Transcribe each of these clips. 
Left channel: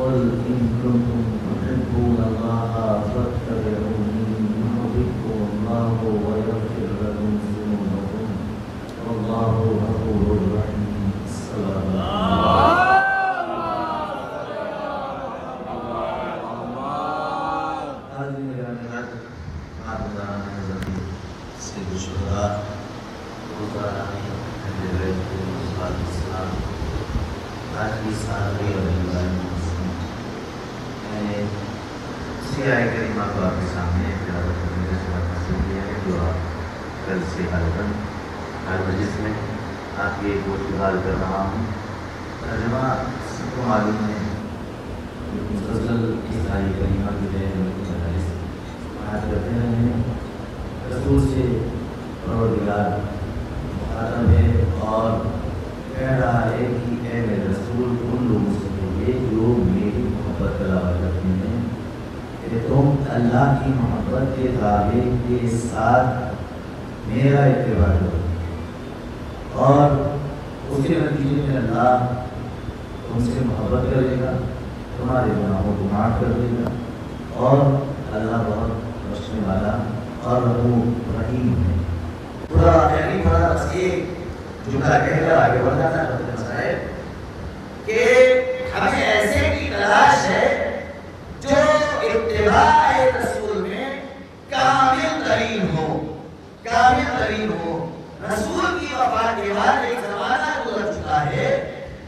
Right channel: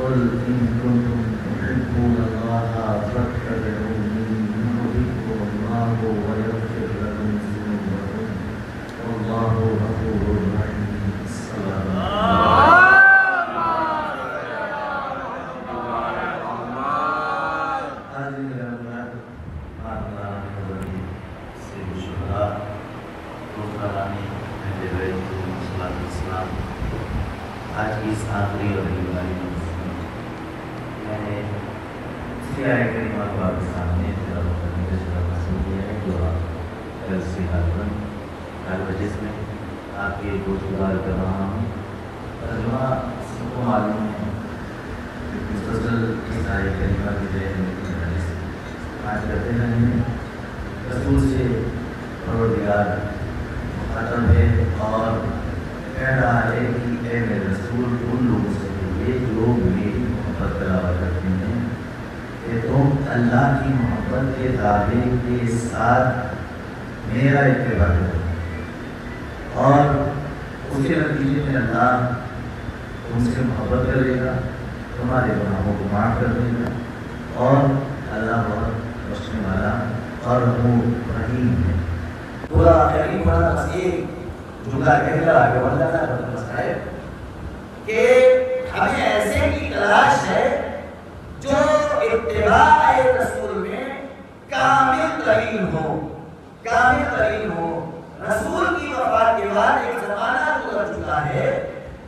قل إن كنتم تحبون الله فاتبعوني يحببكم الله ويغفر لكم ذنوبكم والله غفور رحيم. صلى الله آج کی اس آخری ربیع میں نے اسی آیت کریمہ کو آپ کے سامنے تلاوت کرنے کا صورت حاصل کیا ہے جو آپ کل سے ہر مجلس میں آپ کی گفتگو کر رہا ہوں. ترجمہ سب کو معلوم ہے لیکن فضل کی آیت کریمہ کی جو ہے آج کرتے ہیں رسول سے پروردگار مخاطب ہے اور کہہ رہا ہے کہ اے میرے رسول ان لوگوں سے کہیے جو میری محبت کا دعویٰ کرتے ہیں کہ تم اللہ کی محبت کے دعوے کے ساتھ میرا اتباع کرو اور اس کے نتیجے میں اللہ تم سے محبت کرے گا, تمہارے گناہوں کو معاف کر دے گا اور اللہ بہت بخشنے والا اور رحیم ہے. پورا یعنی بڑا بس ایک جملہ کہہ کر آگے بڑھ جاتا ہے صاحب کہ ہمیں ایسے کی تلاش ہے جو اتباع رسول میں کامل ترین ہو. رسول کی وفات کے بعد ایک زمانہ گزر چکا ہے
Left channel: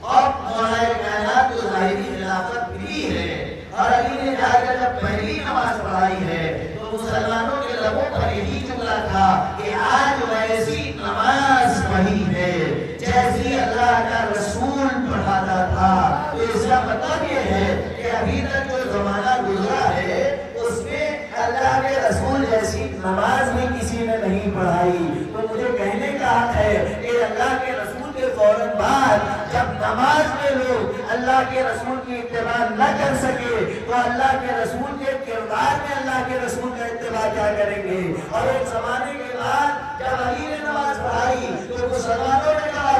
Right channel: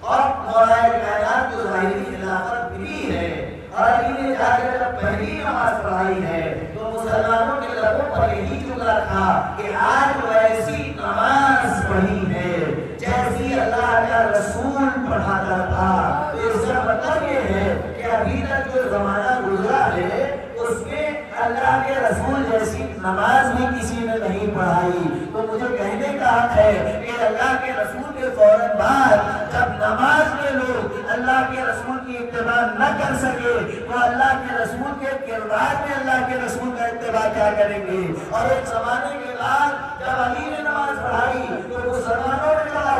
اور مولا کائنات کو ظاہری خلافت ملی ہے اور انہیں جا کر جب پہلی نماز پڑھائی ہے تو مسلمانوں کے لبوں پر یہی جملہ تھا کہ آج ویسی نماز پڑھی ہے جیسی اللہ کا رسول پڑھاتا تھا. تو اس کا مطلب یہ ہے کہ ابھی تک جو زمانہ گزرا ہے اس میں اللہ کے رسول جیسی نماز بھی کسی نے نہیں پڑھائی. تو مجھے کہنے کا حق ہے کہ اللہ کے رسول کے فوراً بعد جب نماز میں لوگ اللہ کے رسول کی اتباع نہ کر سکے تو اللہ کے رسول کے کردار میں اللہ کے رسول کا اتباع کیا کریں گے. اور ایک زمانے کے بعد جب علی نے نماز پڑھائی تو مسلمانوں نے کہا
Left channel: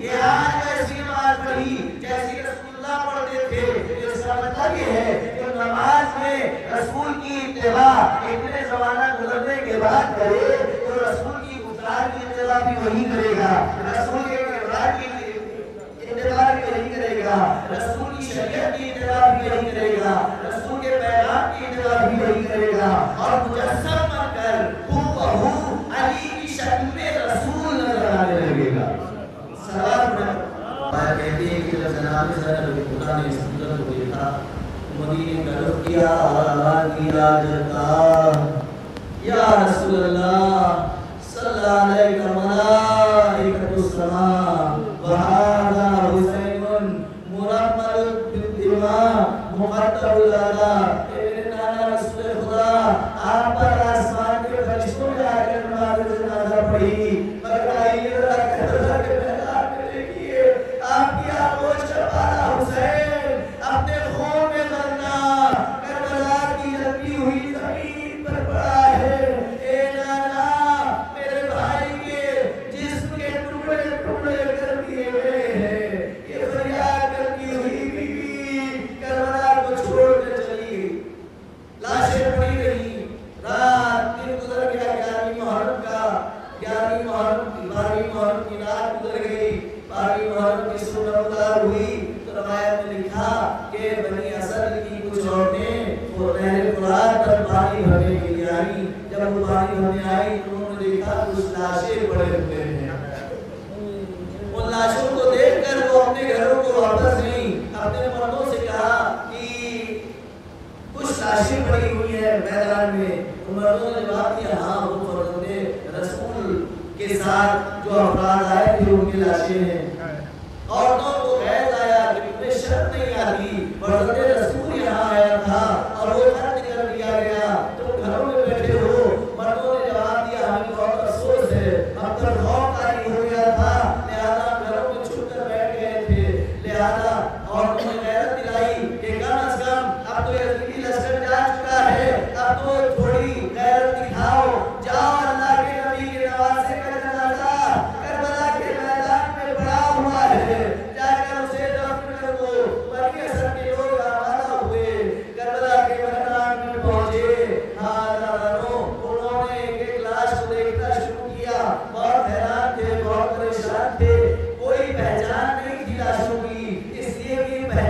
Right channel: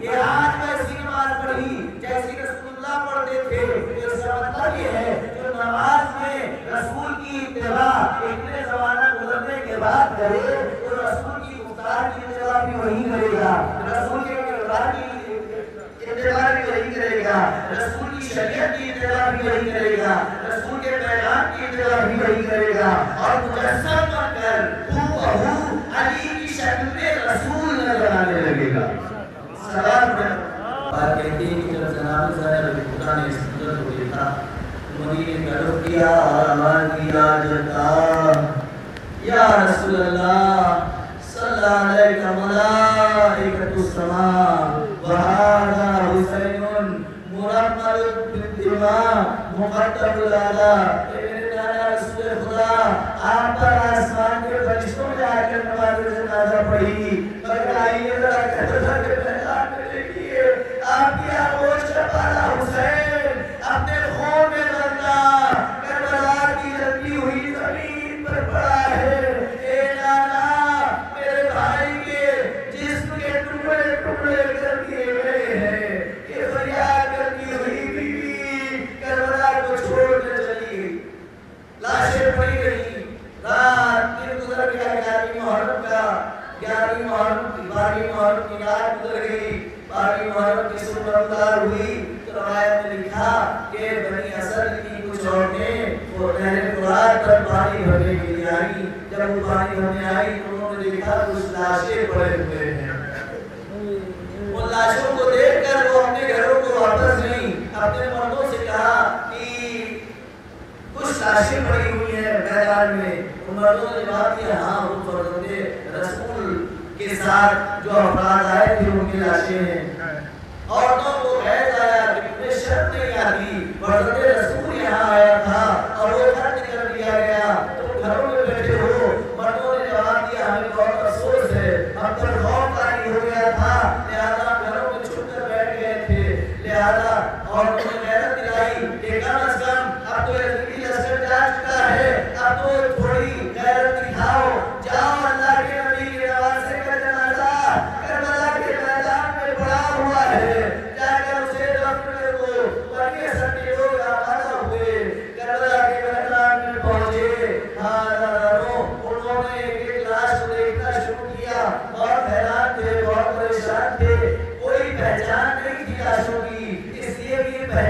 کہ آج ایسی نماز پڑھی جیسی رسول اللہ پڑھتے تھے. اس کا مطلب یہ ہے کہ نماز میں رسول کی اتباع اتنے زمانہ گزرنے کے بعد کرے تو رسول کی گفتار کی اتباع بھی وہی کرے گا, رسول کے کردار کی اتباع بھی وہی کرے گا, رسول کی شریعت کی اتباع بھی وہی کرے گا, رسول کے پیغام کی اتباع بھی وہی کرے گا اور مجسم بن کر ہو علی کی شکل میں رسول نظر آنے لگے گا. سلام بات کہتے ہیں کہ جب جناب صاحب خدا نے اس قدرت کو دیکھا مدینے کا رخ کیا اور آواز کیا جلتا یا رسول اللہ صلی اللہ علیہ ملائکۃ السماء وہذا حسین مرمل بالدماء مقتل الاعلی. رسول خدا آپ پر آسمان کے فرشتوں میں آ کر نماز جنازہ پڑھی مگر آئیے ذرا کربلا کے میدان میں دیکھیے آپ کی آغوش کا پارا حسین اپنے خون میں مرنا کربلا کی جلتی ہوئی زمین پر پڑا ہے. اے نانا میرے بھائی کے جسم کے ٹکڑے ٹکڑے کر دیے گئے ہیں. یہ فریاد کرتی ہوئی بیوی کربلا کو چھوڑ کر چلی گئی. لاشیں پڑی رہی. رات دن گزر گیا. 11 محرم کی رات گزر گئی. 12 محرم کی صبح افطار ہوئی تو روایت میں لکھا کہ بنی اسد کی کچھ عورتیں وہ نہر فرات پر پانی بھرنے کے لیے آئی. جب وہ پانی بھرنے آئی تو انہوں نے دیکھا کچھ لاشیں پڑے ہوئے ہیں. ان لاشوں کو دیکھ کر وہ اپنے گھروں کو واپس گئی. اپنے مردوں سے کہا کہ کچھ لاشیں پڑی ہوئی ہیں میدان میں. مردوں نے جواب دیا ہاں وہ فرزند رسول کے ساتھ جو افراد آئے تھے ان کی لاشیں ہیں. عورتوں کو غیر آیا کہ انہیں شرط نہیں آتی. فرزند رسول یہاں آیا تھا اور وہ خرچ کر دیا گیا تم گھروں میں بیٹھے ہو. مردوں نے جواب دیا ہمیں بہت افسوس ہے ہم پر خوف طاری ہو گیا تھا لہذا ہم گھروں میں چھپ کر بیٹھ گئے تھے. لہذا عورتوں نے غیرت دلائی کہ کم از کم اب تو یزیدی لشکر جا چکا ہے اب تو تھوڑی غیرت دکھاؤ. جاؤ اللہ کے نبی کے نواسے کا جنازہ کربلا کے میدان میں پڑا ہوا ہے جا کر اسے دفن کر دو. بلکہ سب کے لوگ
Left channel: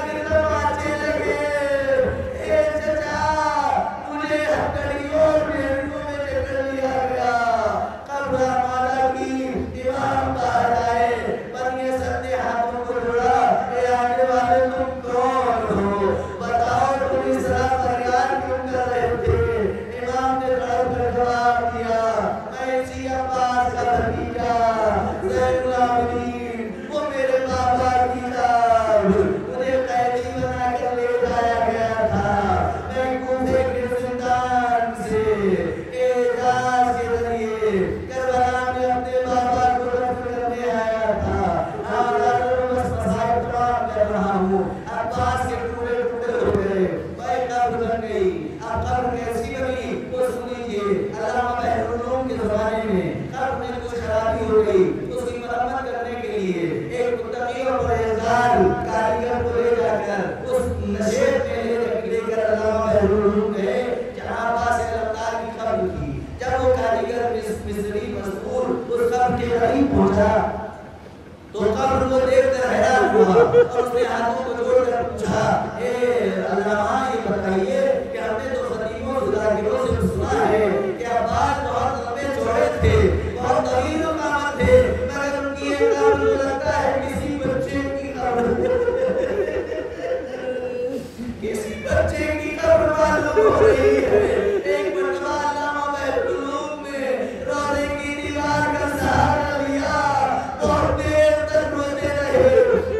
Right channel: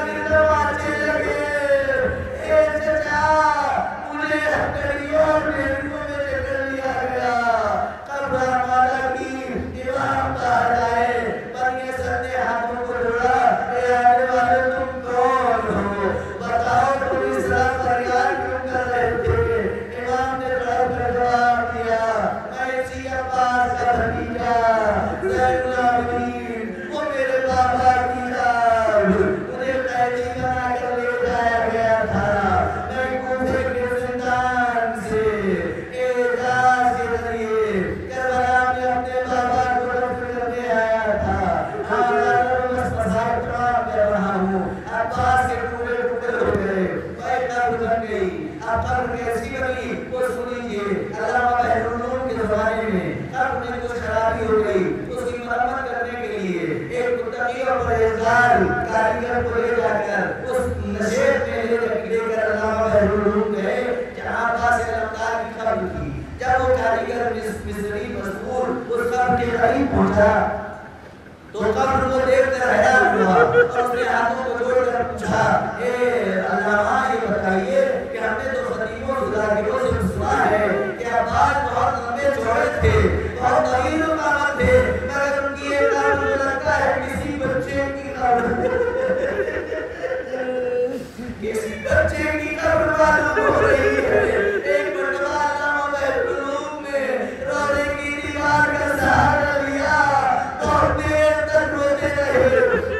کے دروازے لگے اے چچا مجھے ہتھیلیوں اور بیٹوں میں جکڑ لیا گیا قبر مالا کی امام کہا جائے پر یہ سب نے ہاتھوں کو جوڑا اے آنے والے تم کون ہو بتاؤ تم اس طرح فریاد کیوں کر رہے تھے امام نے تڑپ کر جواب دیا میں اسی عباس کا بھتیجا زین العابدین وہ میرے بابا کی جان مجھے قیدی بنا کر لے جایا گیا تھا میں کوفے کے زندان سے اعجاز کے ذریعے کربلا میں اپنے بابا کو دفن کرنے آیا تھا بس مسائل تمام کر رہا ہوں عباس کے ٹکڑے ٹکڑے ہو گئے میں قبر بن گئی اب قبر کیسی بنی وہ سن لیجیے علامہ بحر العلوم کے زمانے میں قبر میں کچھ خرابی ہو گئی اس کی مرمت کرنے کے لیے ایک متقی اور پرہیزگار کاریگر کو لے جا کر اس نشیب میں لے کر علامہ بحر العلوم گئے جہاں عباس علمدار کی قبر تھی جب وہ کاریگر مصری مذکور اس قبر کے قریب پہنچا تو قبر کو دیکھ کر حیران ہوا اور اس نے ہاتھوں کو جوڑ کر پوچھا اے علامہ یہ بتائیے کہ ہم نے تو خطیبوں ذاکروں سے سنا ہے کہ عباس بہت لمبے چوڑے تھے بہت طویل القامت تھے مگر ان کی ایک قبر جو لگتا ہے کسی بچے کی قبر کسی بچے کی قبر معلوم ہو رہی ہے ایک مرتبہ علامہ بحر العلوم میں روزے کی دیوار کا سہارا لیا بہت دیر تک روتے رہے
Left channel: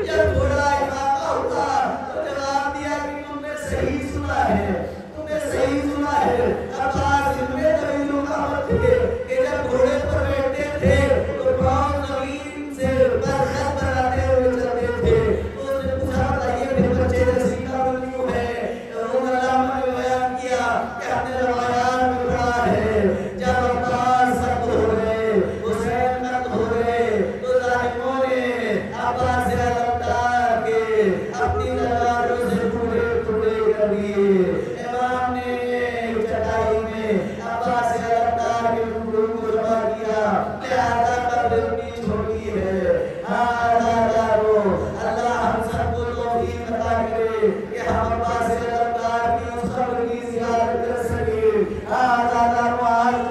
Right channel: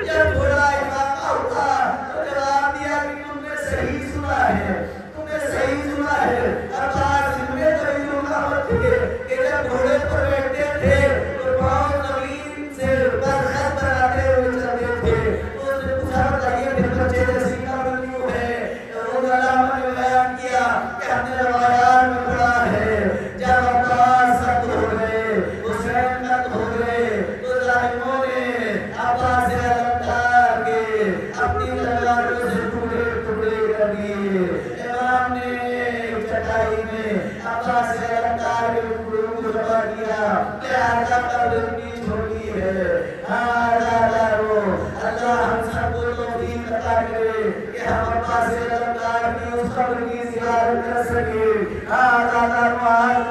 جب تھوڑا افاقہ ہوا تو جواب دیا کہ تم نے صحیح سنا ہے تم نے صحیح سنا ہے عباس ان میں طویل القامت تھے کہ جب گھوڑے پر بیٹھتے تھے تو پاؤں زمین سے برخط بناتے ہوئے چلتے تھے تو اس نے پوچھا بتائیے پھر بچے جیسی قبر کیوں ہے وہ علامہ نے بیان کیا کہ ہم نے روایات میں پڑھا ہے جب عباس سخت ہو گئے حسین قتل ہو گئے تو ظالموں نے عباس علمدار کے اپنی تلواروں سے ٹکڑے ٹکڑے کر دیے امام نے چٹائی میں عباس علمدار کے ٹکڑوں کو جمع کیا لہذا قبر اتنی چھوٹی ہے اللہ ہم سب کو توفیق عطا کرے کہ ہم عباس علمدار کی اس قبر کی زیارت کر سکے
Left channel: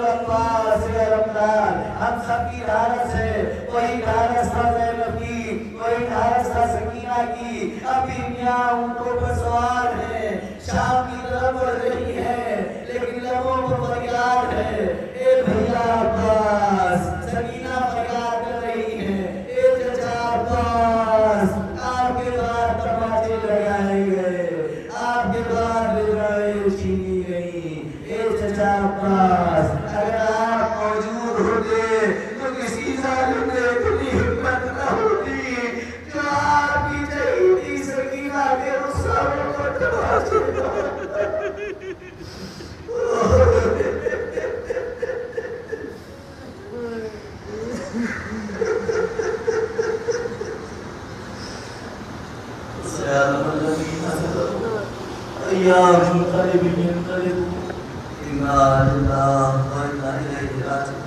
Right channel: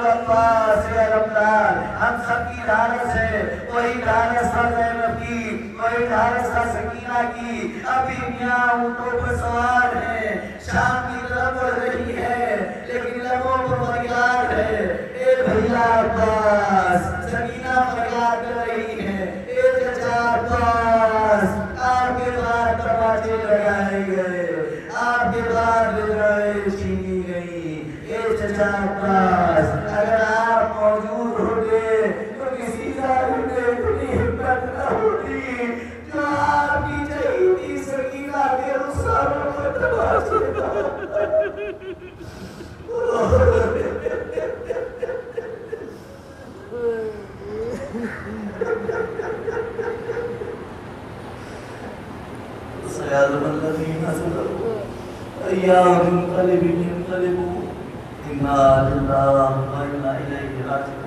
عباس علمدار ہم سب کی ڈھارس ہے وہی ڈھارس تھا زینب کی وہی ڈھارس تھا سکینہ کی ابھی میاں اونٹوں پر سوار ہیں شام کی طرف بڑھ رہی ہے لیکن لبوں پر فریاد ہے اے بھیا عباس سکینہ فریاد کر رہی ہے اے چچا عباس آپ کے بعد تماچے لگائے گئے آپ کے بعد لڑائیں چھینی گئی اے چچا عباس اگر آپ موجود ہوتے تو کسی ظالم نے اتنی ہمت نہ ہوتی جو آپ کی شہیدی سکینہ کے رخساروں پر تماچے أيام منقلب ينقلب إنا لله وإنا إليه راجعون